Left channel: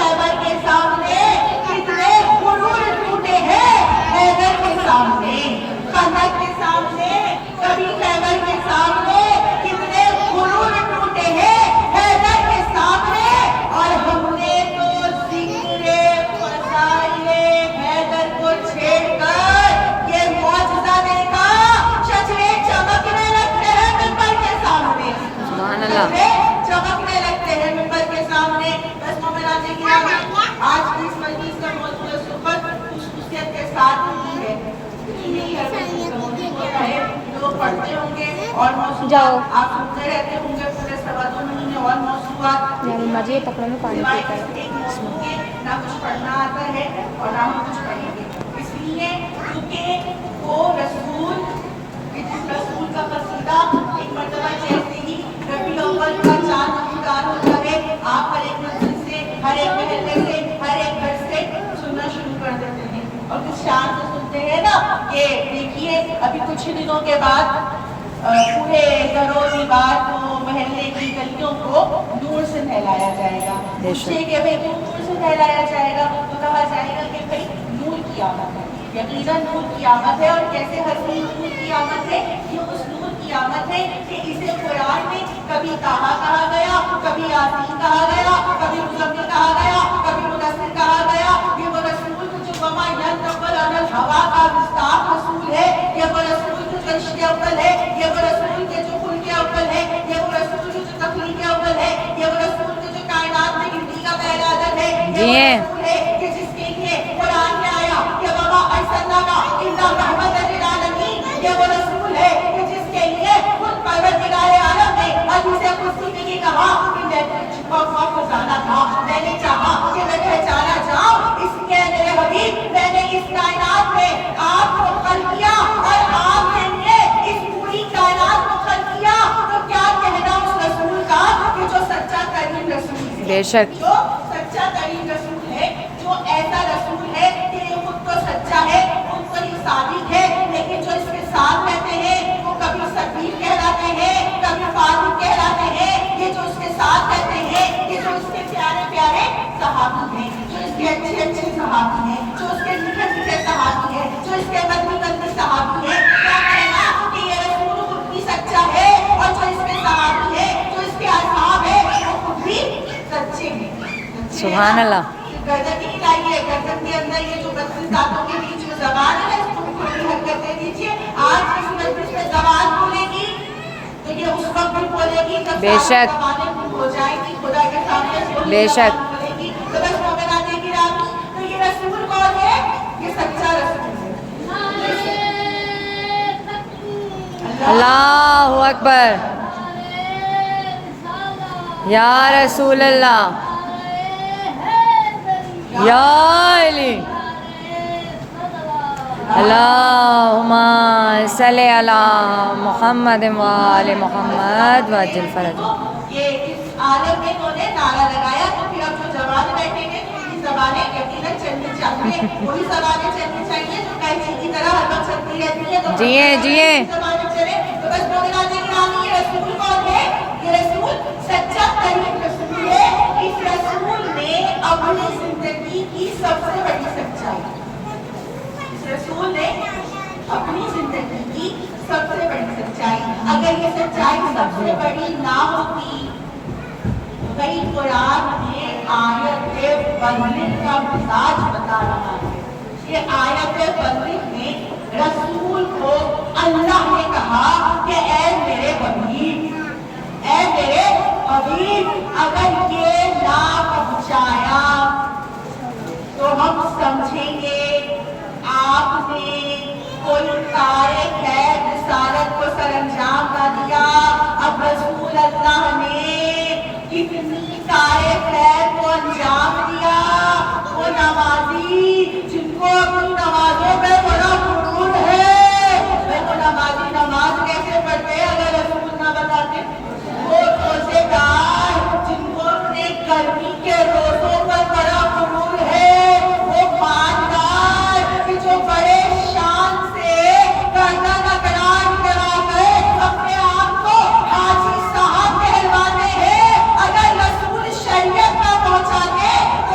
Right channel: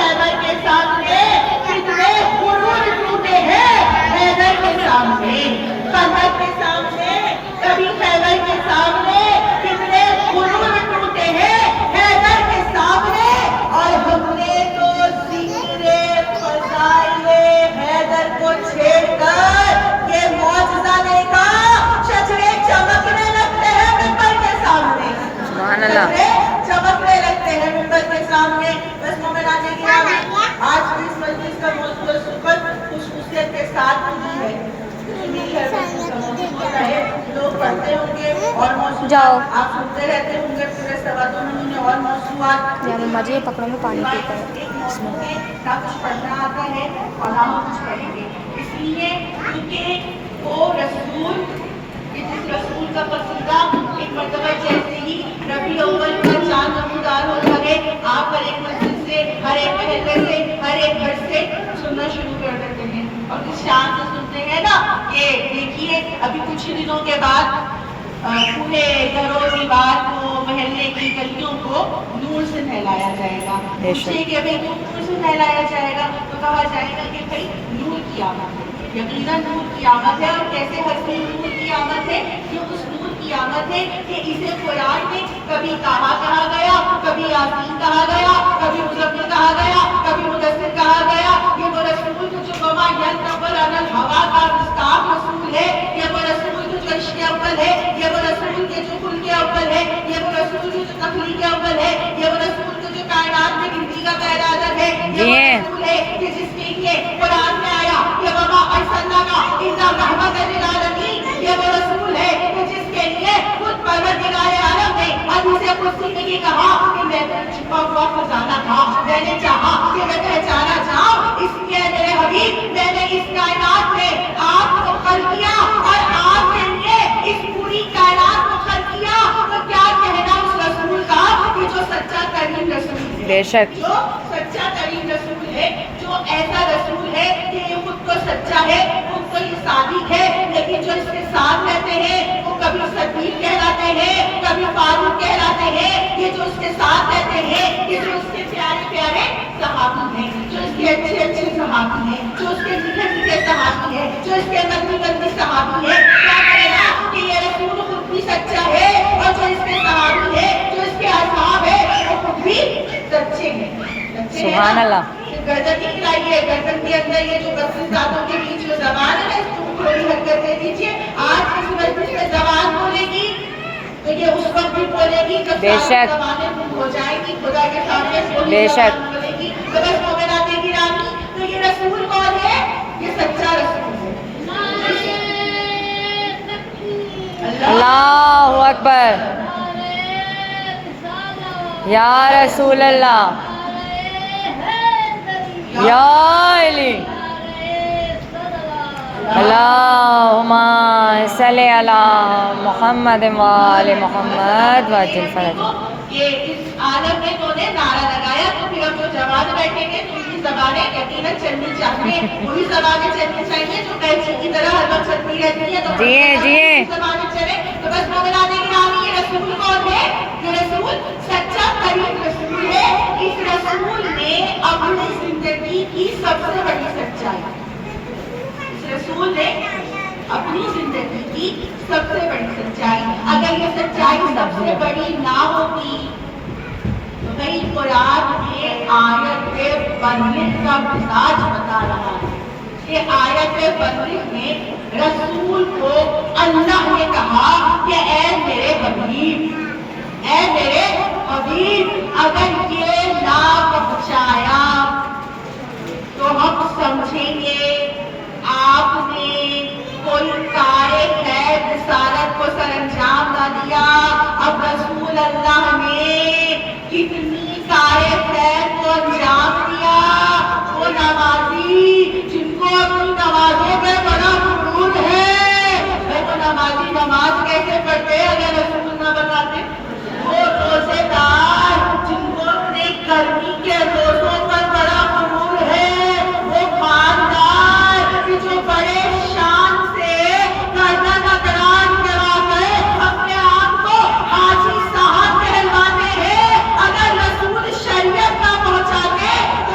खैबर के सामने कितने गुरूर टूटे हैं, हैदर के सामने, खंदक के सामने, कभी खैबर के सामने कितने गुरूर टूटे हैं, हैदर के सामने। और हमने तो जिक्रे फज़ाइले हैदर को छेड़कर ये मौजज़ा देखा, शजरे चमकने लगते हैं मिंबर के सामने, चमकने लगते हैं मिंबर के सामने। बस मोमिनाने गिरामी, आज की इस मजलिस का मौजूद सुबह खुशखुशियत के साथ ही है, लोग पढ़ते होंगे और जाओ आप सुनते रहते होंगे पूरे सवा 2 महीने और मौजूद मजे पकड़ो में पानी पीकर ना कुछ पढ़ना आता है और ना हम कुछ पढ़ेंगे, इसलिए क्योंकि वो रसूल का कसीदा एक मर्तबा जैसे ही रबीउल अव्वल का चांद नमूदार हो जाए, आप हर एक मंजिल से, हर एक महल्ले से, हर एक घर से सुनना शुरू कर देते हैं। और कुछ शान से सुनते हैं ना कि देखिए अभी कुछ ही दिनों के बाद पूरे घरों दीवार को, महल्ले की गलियों को नूर से नहलाया जाएगा। पूछिए कि भाई नूर से नहलाया जाएगा, तो कहा जाएगा कि भाई नूर की आमद है, यकीनन नूर की आमद है। और कैसे हसीन नूर की आमद है, ये उस नूर की आमद है कि इसे कुरान में कभी कहा गया, कभी यासीन कहा गया, कभी मुज़म्मिल कहा गया, कभी मुदस्सिर कहा गया। ये वो रसूल जो वमा यंतिक़ु अनिल हवा का गुस्ताख रसूल है, ये वो रसूल जो इश्क़ अव्वल है, ये वो रसूल के जो खुल्क़ अव्वल है, ये वो रसूल जो तख़लीक़ अव्वल है, ये वो रसूल जो कायनात में गिनती का पहला अदद है, ये वो रसूल है कि जिसके लिए कुरान में आया कि वमा अरसलनाका इल्ला रहमतन लिल आलमीन, ये वो रसूल है कि जिसके लिए खुद परवरदिगार आलम ने हदीस कुदसी में ये कहा कि मैं छिपा हुआ खजाना था, मैंने चाहा कि मैं पहचाना जाऊं, इसलिए मेरे हबीब मैंने इस कायनात में आपको खल्क़ किया और आपके लिए इस पूरी कायनात को खल्क़ किया। तो क्या कहना उस रसूल का कि जो सच्चा तरीन रसूल है, बेशक जो सच्चा तरीन रसूल है, जो ऐसा रसूल है कि ये खुद तो सच्चा है, खुद तो ये सादिक है, लेकिन जो इसके साथ रहते हैं वो कभी सदीक कहलाते हैं, कभी फारूक कहलाते हैं। ये जो उसके साथ रहते हैं, ये जो उसके प्यारे प्यारे सहाबी हैं, जो इसके अच्छे अच्छे सहाबी हैं, जो उसके मीठे मीठे सहाबी हैं, जो इसके नबी नबी सहाबी हैं, क्या कहना कि ये रसूल खुद भी सच्चा है और जो इसके सहाबी है, जो इसके असहाब है, वो खुद भी सच्चे हैं। सुभान अल्लाह। गर्दन निकालिए, गर्दन के अंदर ये जो 32 दांतों के बीच जो ज़बान है, इसको थोड़ी हरकत दे दीजिए। आज इस मजलिस में ज़बान बोलेगी तो ये उस वक्त भी बोलेगी जब बेशक ज़बानें गुम हो जाएंगी, खुदा के सामने बोली बेशक ज़बान बोलेगी। तो बस मोमिनाते गिरामी, तो ये रसूल कौन है? ये सच्चा रसूल है। अल्लाहु अकबर, या रसूल अल्लाह, या अली, अल्लाहुम्मा सल्ली अला मुहम्मद व आले मुहम्मद वअज्जिल फरज। ये इस आलम में तूने नारा लगाया, तो फिर अब जो जवान बैठेंगे तो उनकी ज़बानें यकीनन चलनी चाहिए, वही ज़बानें चलनी चाहिए जो कैंची की तरह हर वक्त चलती रहती है। तो जिए ज़बानें चले। तो बस मोमिनाते गिरामी, ये रसूल कौन है? ये रसूल सच्चा तरीन रसूल है। इस रसूल ने अपनी जिंदगी की सबसे बड़ी सच्चाई, इस रसूल ने अपनी जिंदगी की सबसे बड़ी सच्चाई, अगर ये सच्चाई सबसे बड़ी ना होती तो कई कुरान में आयत बंदिश का मिजाज बता रहा है। ये आयत बंदिश में रसूल को अल्लाह ने कहा कि ऐ मेरे हबीब, ऐ मेरे हबीब, अगर ये ना पहुंचाया तो हम समझेंगे आपने कोई कार्य खैर रिसालत को सरंजाम ना दिया। अब रसूल अल्लाह ने कितनी कार्य खैर को अंजाम दिया। वो नमाजी जिनको अपनी नमाजों पे बड़ा गुरूर है, वो नमाजी नमाज कैसे पढ़ते अगर रसूल ना बताते। वो रोजेदार जिनको अपने गर्मी के रोजों पर बड़ा गुरूर है, वो मानदार जो बड़े शान से करना नकरान करवाकर अपने आप को हाजी साहब कहलवाते हैं, अगर रसूल शरीयत ना पहुंचाते तो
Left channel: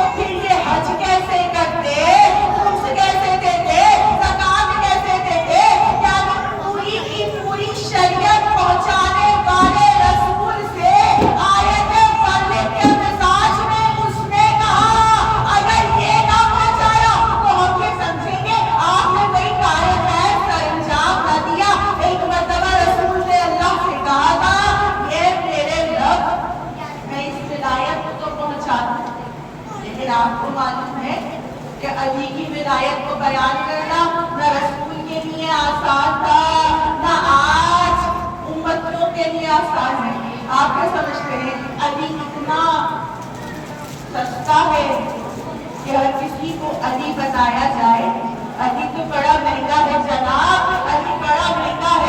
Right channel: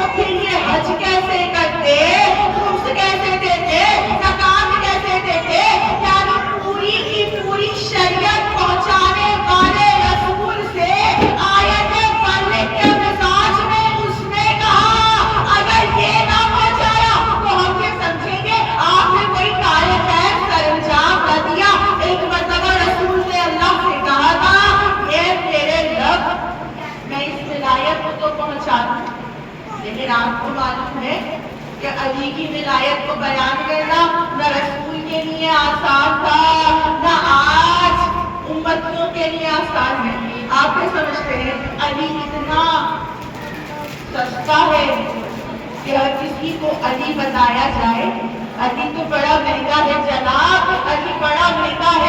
لیکن آپ کو معلوم ہے کہ علی کی ولایت کو بیان کرنا نہ رسول کے لیے آسان تھا نہ آج امتیوں کے لیے آسان ہے. آپ کیا سمجھتے ہیں علی اتنا سستا ہے کہ ہر کسی کو علی بتایا جائے؟ علی تو بڑا مہنگا ہے جناب، علی بڑا مہنگا ہے.